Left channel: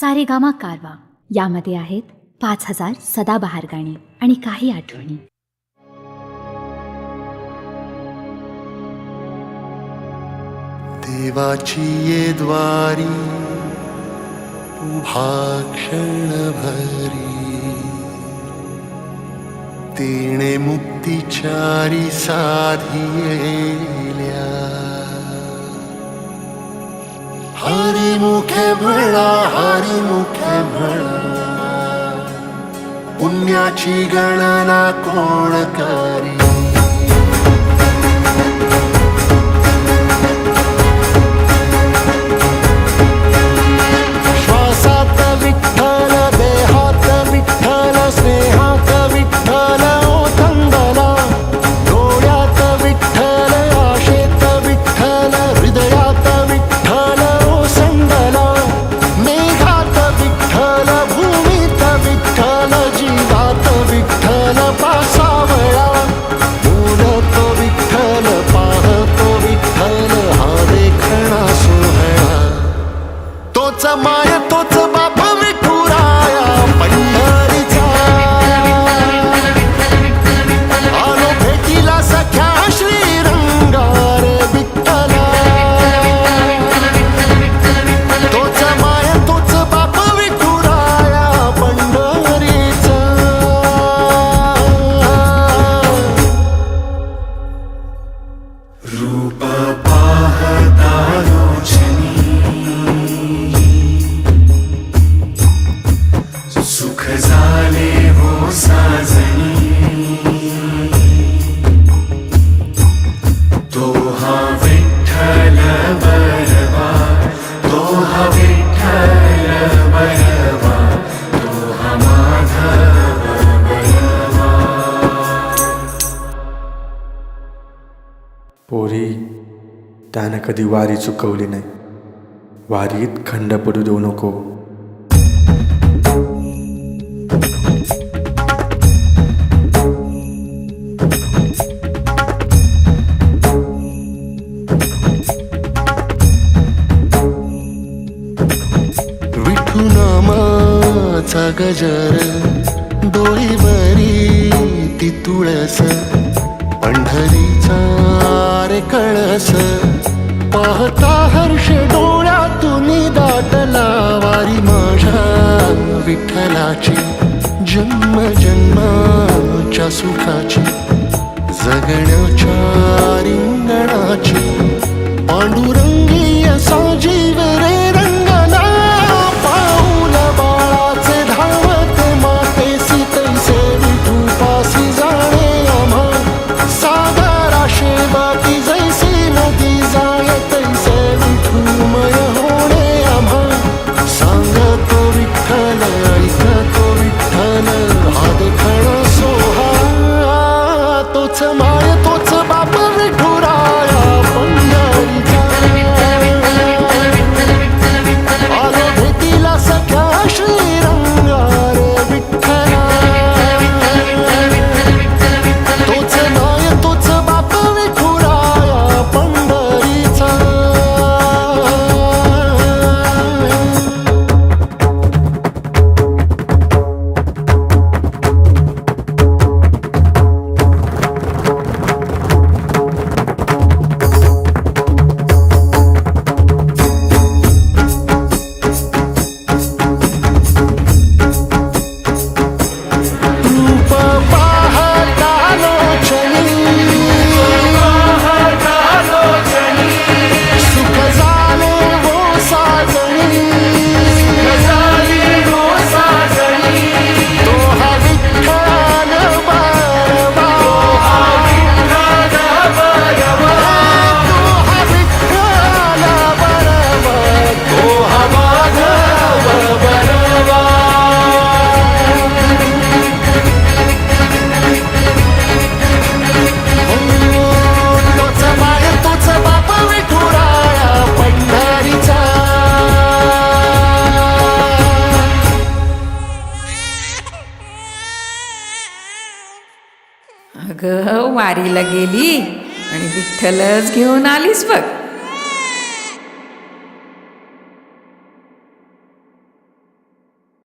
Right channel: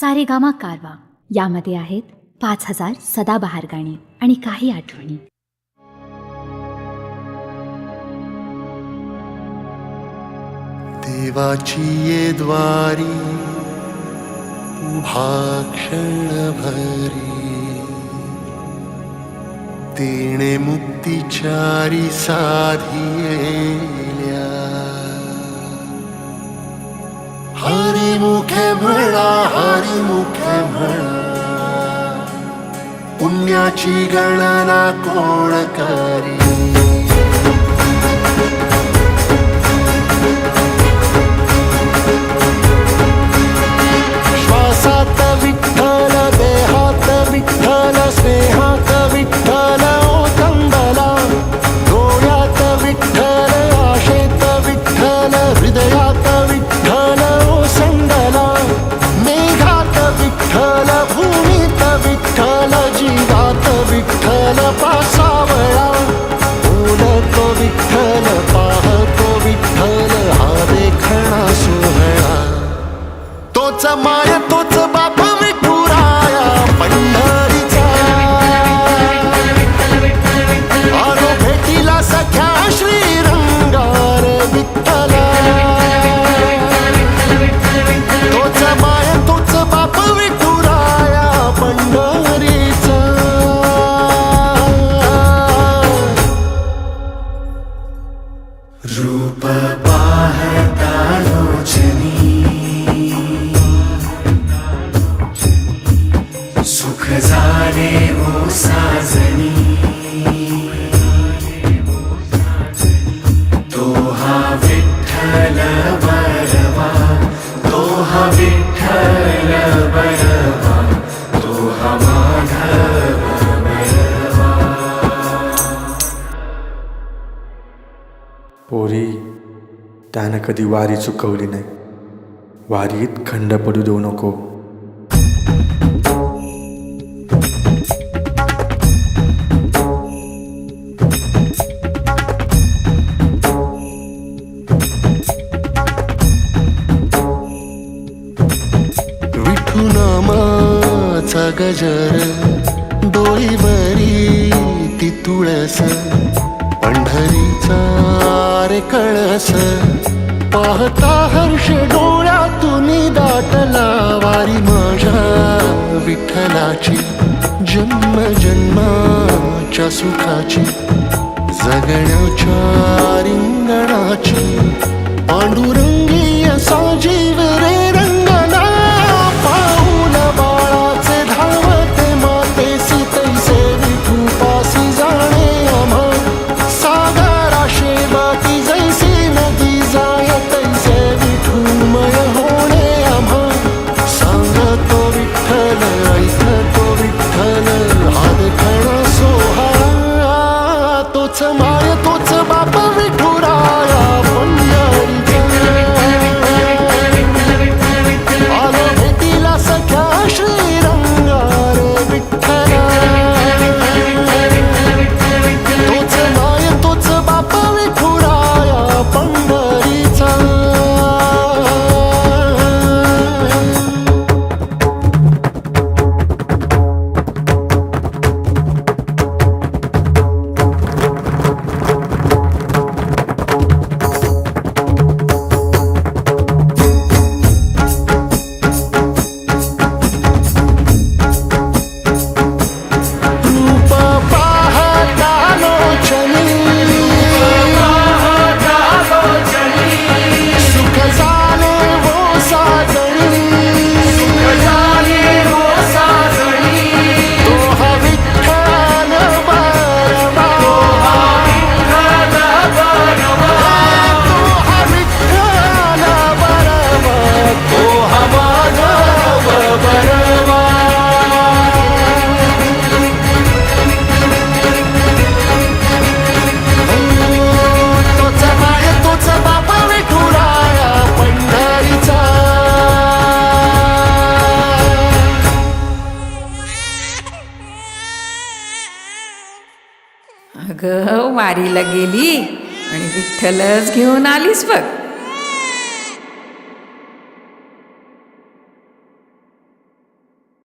सारेगामा कारवा यामध्ये आहेत 5000 सदाबहार गाणी आणि काही आठवणी. देवाची ये द्वारी उभा क्षण भरी, तेणे मुक्तिचारी साधियेल्या. हरी मुखे म्हणा, हरी मुखे म्हणा, पुण्याची गणना कोण करी. श्वासात विठ्ठल, देहात विठ्ठल, स्नेहात विठ्ठल ओथंबला. डोळ्यात विठ्ठल, आशेत विठ्ठल, हृदयात विठ्ठल ओसंडला. मेघात विठ्ठल, भूमीत विठ्ठल, जीवात विठ्ठल पासावळा. बोलतो विठ्ठल, पाहतो विठ्ठल, हा देखणा सोहळा. तोच माय तोच बाप विठुराया पंढरीचा. आलो भेटीला सख्या श्रीरंगार विठ्ठला. तोच माय तोच बाप विठुराया पंढरीचा. रूप पाहता लोचनी, सुख झाले हो साजणी. तो हा विठ्ठल बरवा, तो हा विठ्ठल बरवा, तो हा माधव बरवा. पोरी, त्यानं कधी वारी चुकवली नाही. वारीत खंड पडू देऊ नको. विठू नामाचा गजर, डोईवरी ती तुळस. पंढरीचा रे कळस, पाहता हर्ष डोळ्यातून दाटला. वारी माझ्या विठ्ठलाची, जन्म जन्माच्या सुखाची, जगण्याच्या रिंगणाची. पांडुरंगी असा जीव रे रंगला. पाऊल बाळाचे धावते मातेसी, तैसे विठू पासी जाणे आम्हा. सागरा शेबाटी जैसी नदी जाय, तैसे विठूमय होणे आम्हा. सांगतो विठ्ठल, ऐकतो विठ्ठल, हा देखणा सोहळा. तोच माय तोच बाप विठुराया पंढरीचा. आलो भेटीला सख्या श्रीरंगार विठ्ठला. तोच माय तोच बाप विठुराया पंढरीचा. रूप पाहता लोचनी, सुख झाले वो साजणी. तो हा विठ्ठल बरवा, तो हा विठ्ठल बरवा, तो हा माधव बरवा. तोच माय तोच बाप विठुराया पंढरीचा. अगं, वारीला गेली आणि विठ्ठलच घेऊन आलीस बघ.